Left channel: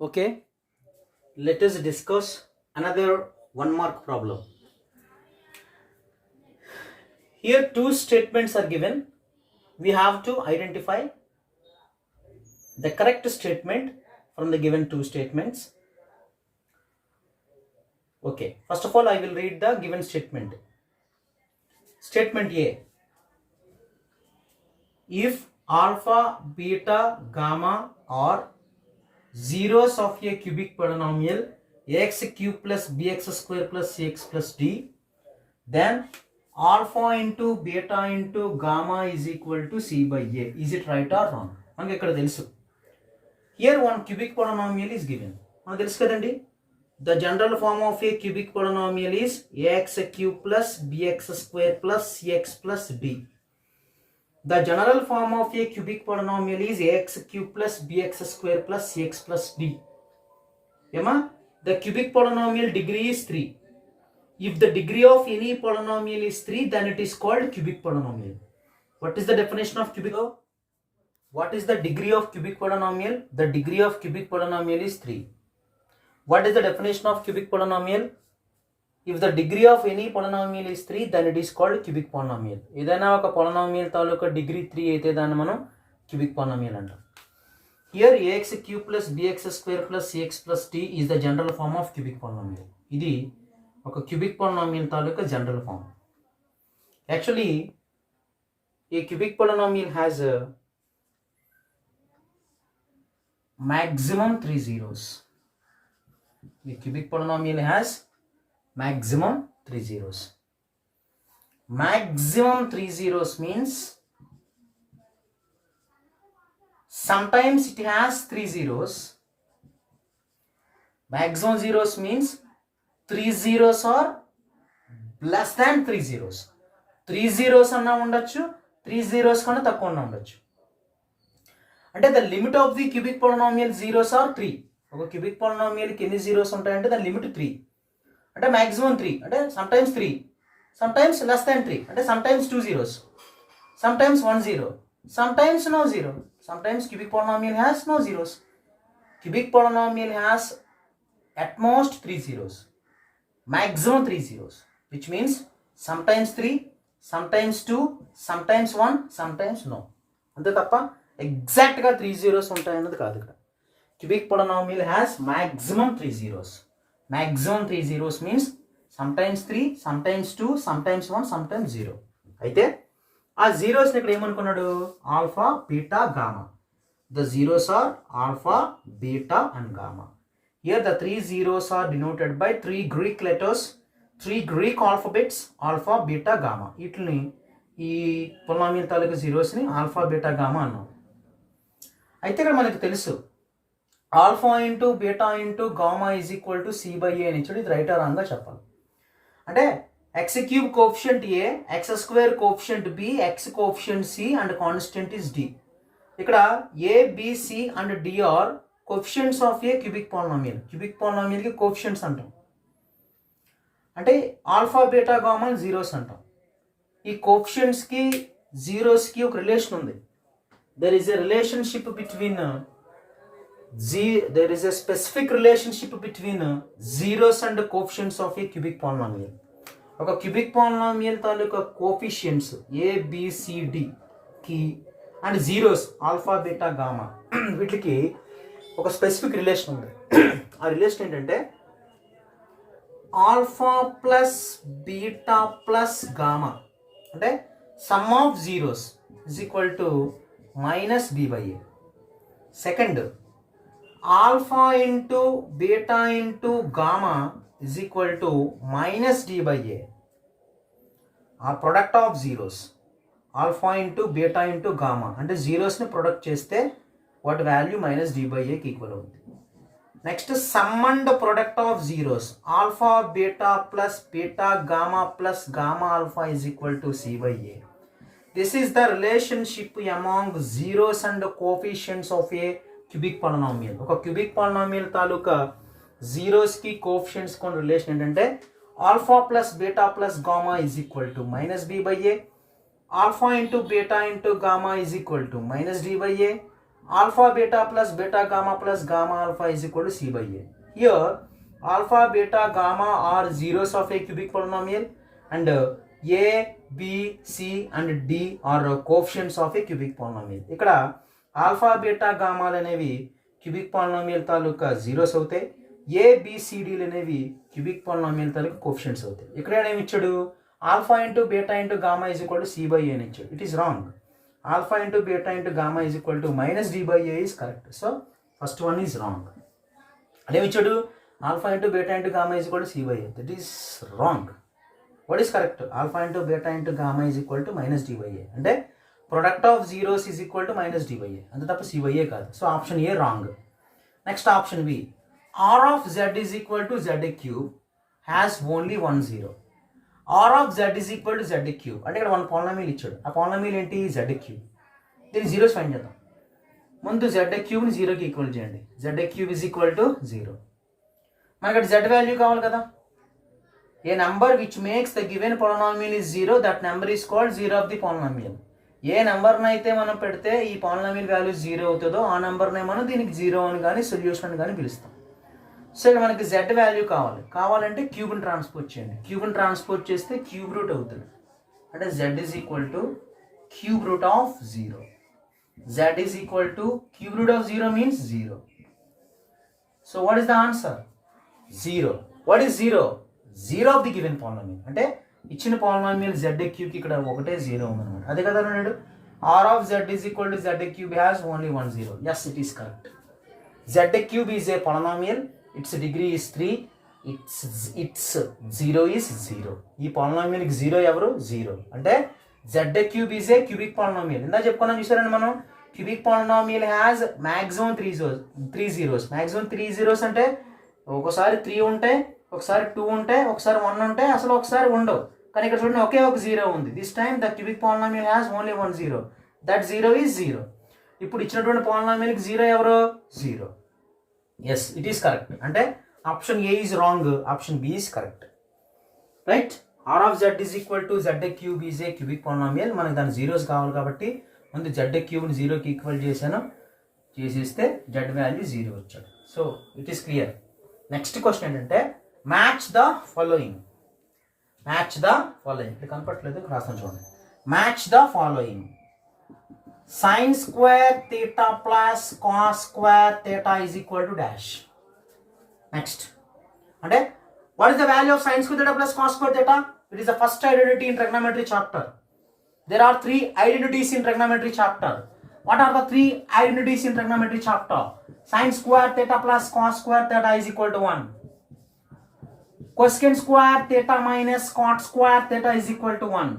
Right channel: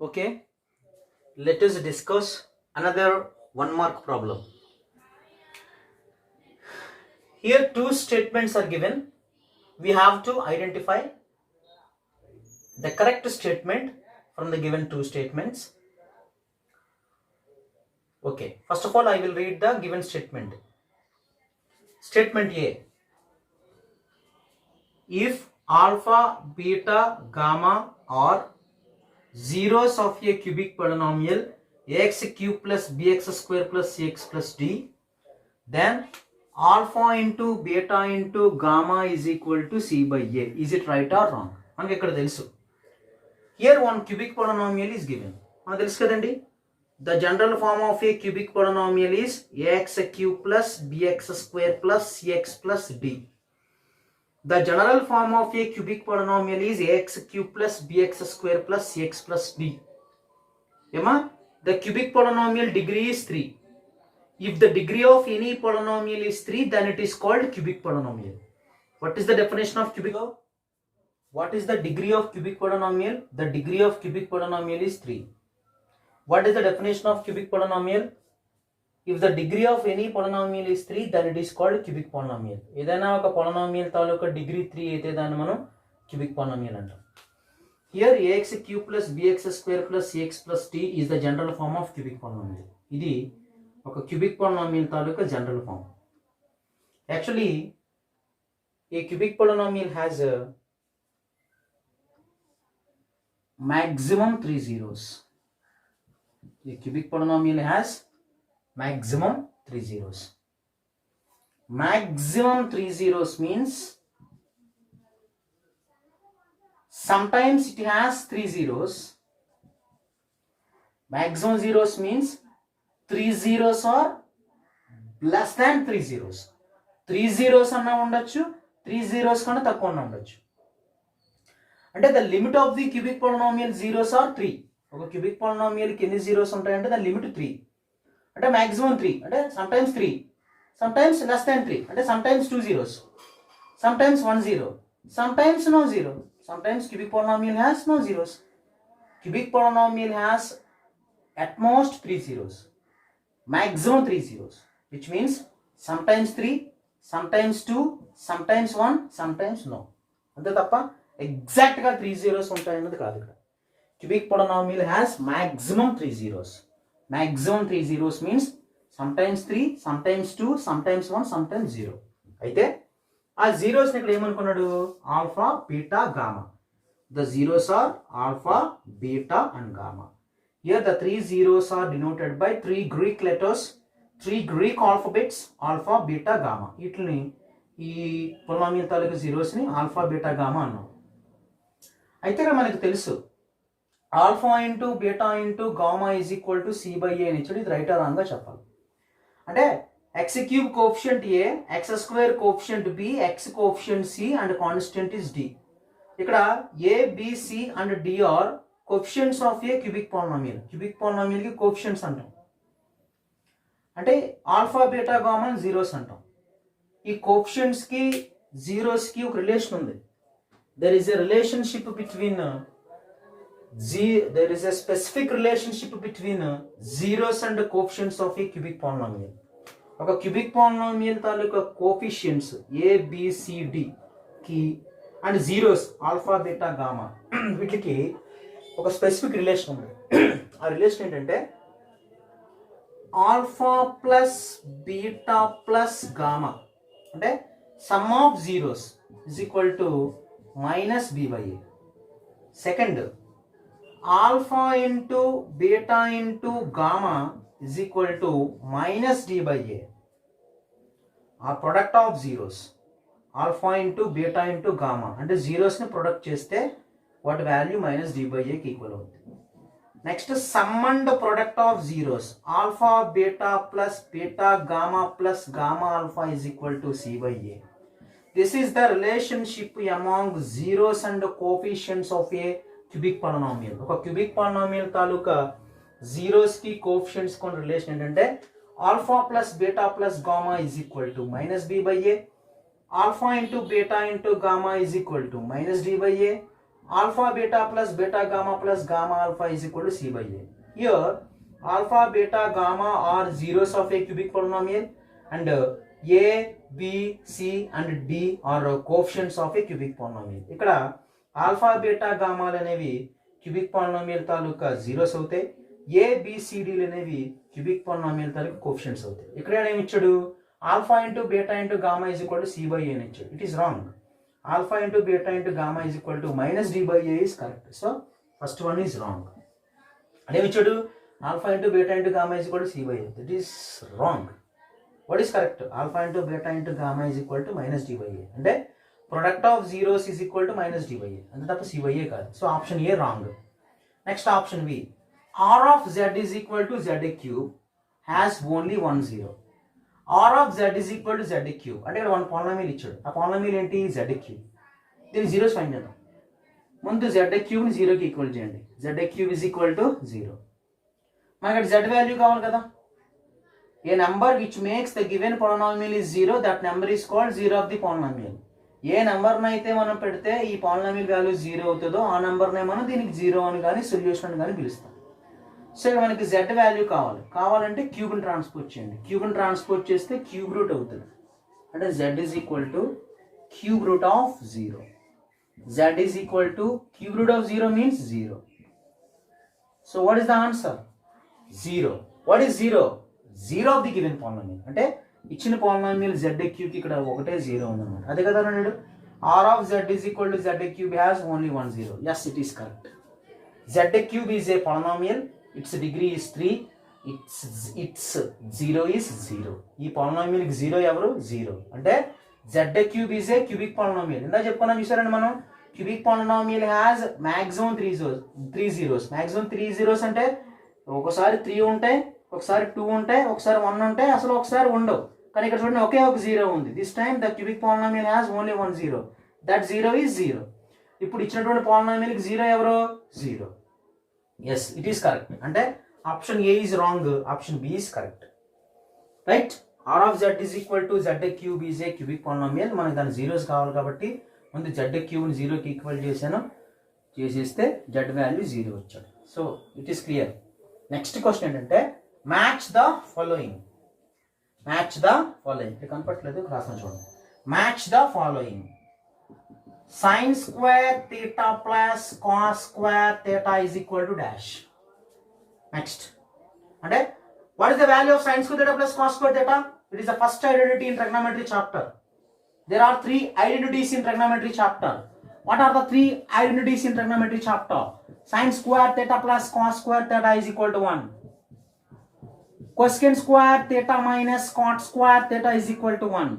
Okay, let us discuss another 1 mark problem. Here two statements are given. We have to identify the correct statement from the given two statements. Okay, first of all I will read the given statement. Statement A. If alpha, beta, gamma are zeros of a cubic polynomial ax cube plus bx square plus cx plus d, then alpha into beta into gamma is equal to c by a. Is it right or wrong? మనకి ఇక్కడ తెలుసు. Here one cubic polynomial is given. మనకు తెలుసు కదండి. The general form of a cubic polynomial is ax cube plus bx square plus cx plus d. The general form of a cubic polynomial is ax cube plus bx square plus cx plus d. Ema? The cubic polynomial degree is 3. If the degree of any polynomial is 3, then it is called cubic polynomial. What is the definition of cubic? What is the degree of cubic polynomial? The degree of cubic polynomial is 3. What is the definition of cubic polynomial? If the degree of any polynomial is 3, then it is called cubic polynomial. ఏదైనా ఒక polynomial తాలూకా degree 3 అయితే దాన్ని మనం cubic polynomial అంటాం. Here ax cube plus bx square plus cx plus d is the general form of cubic polynomial. ఇది ఒక cubic polynomial taluka general form. Actually, a cubic polynomial has a maximum 3 zeros. A cubic polynomial has maximum 3 zeros. Maximum 3 zeros means sometimes it has 3 zeros. Maximum zeros means 3 zeros are less than 3 zeros. 3 zeros అన్నా ఉండొచ్చు, 3 zeros కన్నా తక్కువ అన్నా ఉండొచ్చు. అంటే the limit of the cubic polynomial zeros are 3. ఒక cubic పోలినామియల్కి ఎన్ని zeros ఉంటాయంటే దాని లిమిట్ 3. అంటే మ్యాక్సిమం 3, అంటే సమ్టైమ్స్ 3, సమ్టైమ్స్ లెస్ దాన్ 3, అంటే sometimes 2 zeros, sometimes 1 zero, sometimes no zero. Sometimes cubic polynomial has no zeros. Cubic polynomial has at most 3 zeros, maximum 3 zeros, which means sometimes 3, sometimes 2, sometimes 1, sometimes no. అంతే తప్ప ఎగ్జాక్ట్గా 3 zeros ఉంటాయన్నది కాదు ఇక్కడ. Cubic polynomial has maximum 3 zeros. Maximum 3 zeros means sometimes 3, sometimes 2, sometimes 1, sometimes 0. అయితే ఆ జీరోస్ని ఇక్కడ ఏమనుకున్నాడు? Alpha, beta, gamma. The zeros are alpha, beta and gamma. Here the 3 zeros are denoted by 3 Greek letters, 3 Greek alphabets, alpha, beta, gamma. వీటిని ఈ polynomial తాలూకు జీరోస్ని alpha, beta, gamma అన్నాం. అయితే ఇక్కడ మనకు తెలుసు alpha into beta into gamma is equal to c by a అని ఇచ్చాడు. ఇది రైట్ ఆర్ రాంగ్గా చెప్పాలి. అంటే x cube coefficient a, x square coefficient b, x coefficient c and constant is d. ఇక్కడ a, b, c and d are coefficients of a cubic polynomial. Cubic పాలినామియల్కి coefficients అంటాం. అంటే ఆల్ఫా, బీటా, గామా జీరోస్ అంటాం. ఈ కోఎఫిషియంట్స్కి జీరోస్కి ఒక relation ఉంది. There is a relationship between there is a specific relationship between zeros and coefficients of a cubic polynomial. ఒక cubic polynomial తాలూకా coefficients a, b, c, d కి and zeros alpha, beta, gamma వీటికి ఒక specific relation ఉంది. ఆ రిలేషన్ ఏంటంటే alpha plus beta plus gamma అంటే sum of zeros is equal to minus b by a. Second, alpha into beta into gamma is equal to minus d by a. ఆ product of zeros alpha into beta into gamma అంటే జీరోస్ని product చేస్తే వాటి value minus d by ఏకి equal అవుతుంది. Next sum and product of zeros alpha beta plus beta gamma plus gamma alpha is equal to c by a. This is the relationship among zeros and coefficients of a cubic polynomial. ఒక cubic polynomial తాలూకా జీరోస్కి coefficients కొన్ని relation ఏంటంటే alpha plus beta plus gamma is equal to minus b by a, alpha into beta into gamma is equal to minus d by A, alpha beta plus beta gamma plus gamma alpha is equal to c by a. Here alpha beta gamma are zeros of a cubic polynomial and a b c and d are coefficients of a cubic polynomial. ఇక్కడ alpha beta గామాలు అనేవి cubic polynomial తాలూకా zeros అవుతాయి, ఏబిసిడీలు అనేవి cubic polynomial తాలూకా coefficients అవుతాయి. ఇక్కడ ఏమి ఇచ్చాడు, alpha into beta into gamma is equal to c by a అని ఇచ్చాడు. It is wrong. Alpha into beta into gamma is equal to minus d by a is correct. So first one is wrong. అదేమి ఇచ్చాడు, alpha into beta into gamma is equal to c by a. That is wrong. What is correct, alpha into beta into gamma is equal to minus d by ఏ. అంటే product of zeros is equal to minus d by a, అంతే తప్ప c by a కాదు. So option A wrong. Next option B, r of z is equal to z cube has only 1 0. R of z is equal to z cube అంటే ఇక్కడ 1 polynomial ఇచ్చాడు. ఆ polynomial ఏంటి, z cube. దీన్ని zeros find చేద్దాం. ముందు z క్యూబ్ని జీరోకి ఈక్వల్ చేయండి. Z cube is equal to 0. మనకి అక్కడ జెడ్ వాల్యూ కావాలి కదా. A number which makes the given polynomial is 0, that number is called zero of the polynomial. ఏ నెంబర్ని అయితే మనం పెడితే ఈ పాలినామియల్ వాల్యూ 0 అవుతుందో ఆ నెంబర్నే మనం దీనికి 0 అని కానీ సొల్యూషన్ అని కానీ పిలుస్తాం. సో ఇక్కడ మనకి జెడ్ వాల్యూ కావాలంటే క్యూబ్ని ట్రాన్స్పోర్ట్ చేయండి. క్యూబ్ని ట్రాన్స్పోర్ట్ చేస్తే క్యూబ్ రూట్ అవుతుంది. అంటే Z is equal to cube root of 0. Z is equal to cube root of 0 means 0. So what is the answer, 0. What is 0, 0 of the given polynomial. అంటే ఇచ్చిన polynomial Z క్యూబ్కి ఇక్కడ ఒకటే 0 ఉందన్నమాట. అదే కదా అన్నాడు. R of z is equal to z cube has only 1 0. Yes, it is correct. Z cube is a polynomial, its degree is 3, its 0 is 0. ఈ పాలినామియల్కి 0 ఎవరు, 0. అంటే z cube is a cubic polynomial. ఇందా చెప్పుకున్నాం చూసారండి మనం. Cubic polynomial has maximum 3 zeros. Maximum 3 zeros అంటే ఒకసారి 3 ఉంటాయి, ఒకసారి 2 ఉంటాయి, ఒకసారి 1 ఉంటాయి, అసలు ఒకసారి ఉండవు. కానీ ఇక్కడ చూడండి ఒకే ఒక 0 ఉంది. This time the cubic polynomial has only 1 0. That 0 is 0. ఇప్పుడు ఇచ్చినటువంటి పాలినామియల్కి 0 ఎవరు, 0. Yes, it is correct. అంటే option A is wrong, option B is correct. Right. R of z is equal to z cube is a cubic polynomial. మనకి దాని zeros కావాలి కాబట్టి ముందు జెడ్ క్యూబ్ని 0కి ఈక్వల్ చేసేస్తే జెడ్ వాల్యూ 0 వచ్చాడు. So it is clear. Next question ఏంటంటే match the following. Match the following ఇక్కడ కనపట్లేదు, రాస్తాను చూడండి. Match the following. sin square theta plus cos square theta is equal to dash. Next, అంటే what is the value of sin square theta plus cos square theta? It is the first identity in trigonometry chapter. There are 3 identities in trigonometry chapter. What are the 3 identities in trigonometry chapter? Sin square theta plus cos square theta is equal to 1. Cosecant square theta minus cot square theta is equal to 1.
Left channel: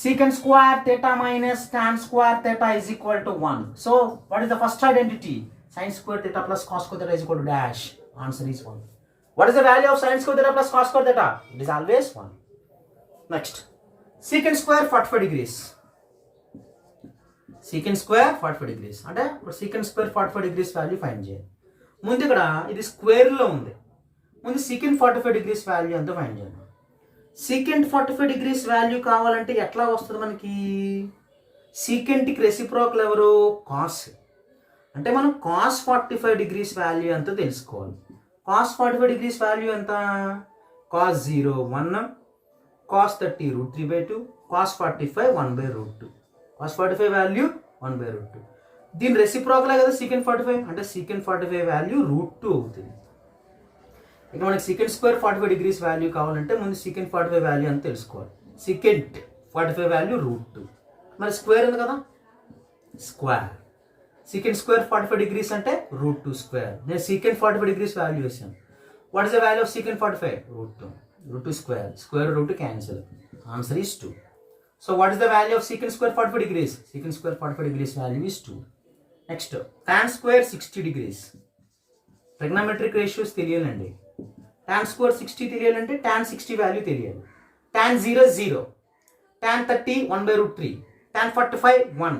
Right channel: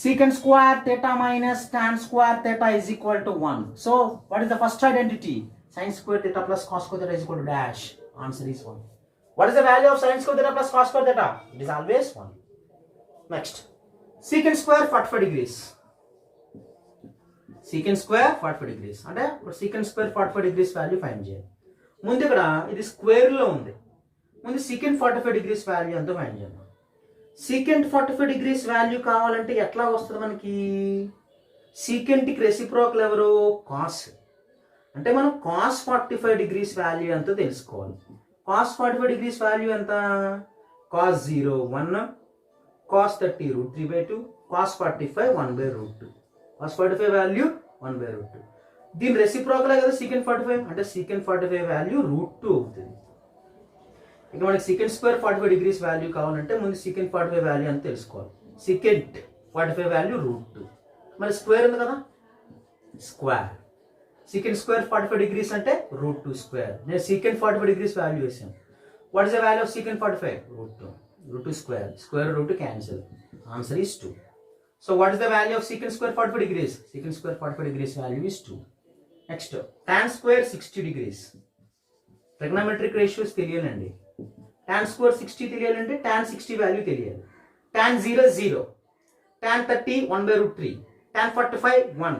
Secant square theta minus tan square theta is equal to 1. So, what is the first identity? Sin square theta plus cos square theta is equal to dash. Answer is 1. What is the value of sin square theta plus cos square theta? It is always 1. Next, secant square 45 degrees. Secant square 45 degrees. అంటే secant square 45 degrees value find చేయాలి. ముందు ఇక్కడ ఇది square లో ఉంది. ముందు secant 45 degrees value అంతా find చేయాలి. secant 45 degrees వాల్యూ కావాలంటే ఎట్లా వస్తుంది మనకి? secantకి రెసిప్రోకల్ ఎవరు? cos. అంటే మనం cos 45 degrees వాల్యూ ఎంతో తెలుసుకోవాలి. cos 45 degrees వాల్యూ ఎంత? cos 0 1, cos 30 √3/2, cos 45 1/√2. cos 45 value 1/√2. దీని రెసిప్రోకల్ కదా secant 45, అంటే secant 45 వాల్యూ √2 అవుతుంది. ఇక మనకి secant square 45 degrees వాల్యూ కావాలంటే ముందు secant 45 వాల్యూ అని తెలుసుకోవాలి. secant 45 value √2. మరి స్క్వేర్ ఉంది కదా, స్క్వేర్. secant square 45 degrees అంటే √2 స్క్వేర్. నేను secant 45 degrees వాల్యూ వేసాను. What is the value of secant 45? √2 square. Square √2 cancel. Answer is 2. So what is the value of secant square 45 degrees? secant square 45 degrees value is 2. Next tan square 60 degrees. Trigonometric ratios తెలియాలండి. tan square 60 తెలియాలంటే tan 60 value తెలియాలి. tan 0 0, tan 30 1/√3, tan 45 1,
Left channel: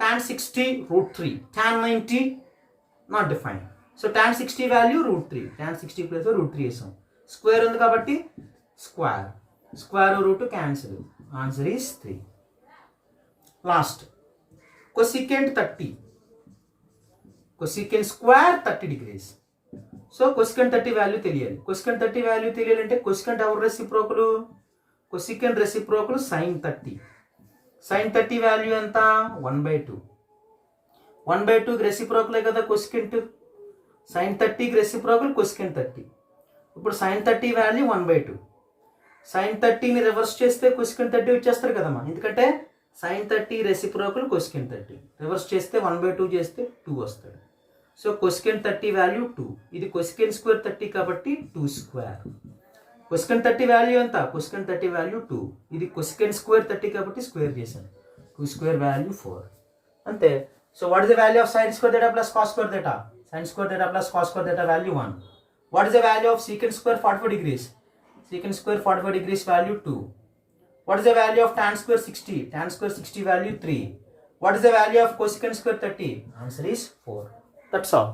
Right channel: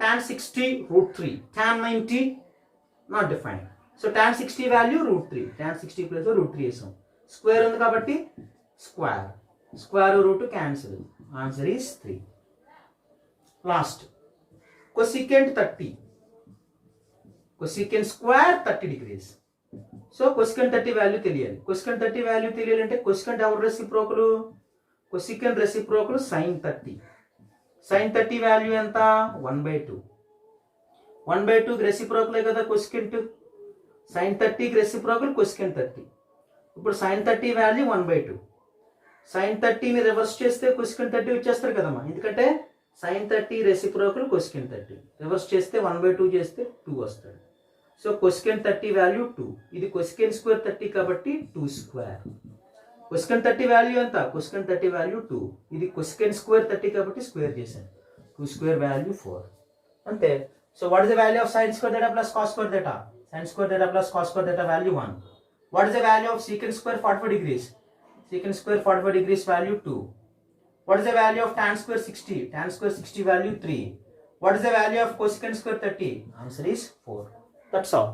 tan 60 √3, tan 90 not defined. So tan 60 value √3, tan 60 place √3 వేసాం. Square ఉంది కాబట్టి square. Square √2 cancel. Answer is 3. Last cosecant 30. Cosecant square 30 degrees. So cosecant 30 value తెలియాలి. Cosecant 30 value తెలియాలంటే cosecant ఎవరు reciprocal? Cosecant reciprocal sine 30. Sine 30 value ఎంత? 1/2. 1/2 రెసిప్రోకలే కదా cosecant. Sign 30 reciprocal cosecant 30. ఇప్పుడు sign 30 value 1/2. Sign 30ని reverse చేస్తే cosecant 30 వచ్చేస్తారు కదమ్మా, ఎందుకంటే సైన్ 30 రెసిప్రోకల్ కొసికెంట్ 30. రివర్స్ చేస్తే 1/2 చేస్తే 2 వస్తుంది. So cosecant 30 value 2. ఇది కొసికెంట్ స్క్వేర్ 30 కాబట్టి 2 స్క్వేర్. కొసికెంట్ 30 వాల్యూ ఎంత? Cosecant 30 value 2. ఇది కొసికెంట్ స్క్వేర్ 30 కాబట్టి స్క్వేర్ చేశాను. 2 స్క్వేర్ వాల్యూ 4. అంతే. So what is the value of sine square theta plus cos square theta? Sine square theta plus cos square theta value 1. What is the value of secant square 45 degrees? Secant square 45 degrees value 2. What is the value of tan square 60? Tan square 60 value 3. What is the value of cosecant square 30? Answer is 4. That's all.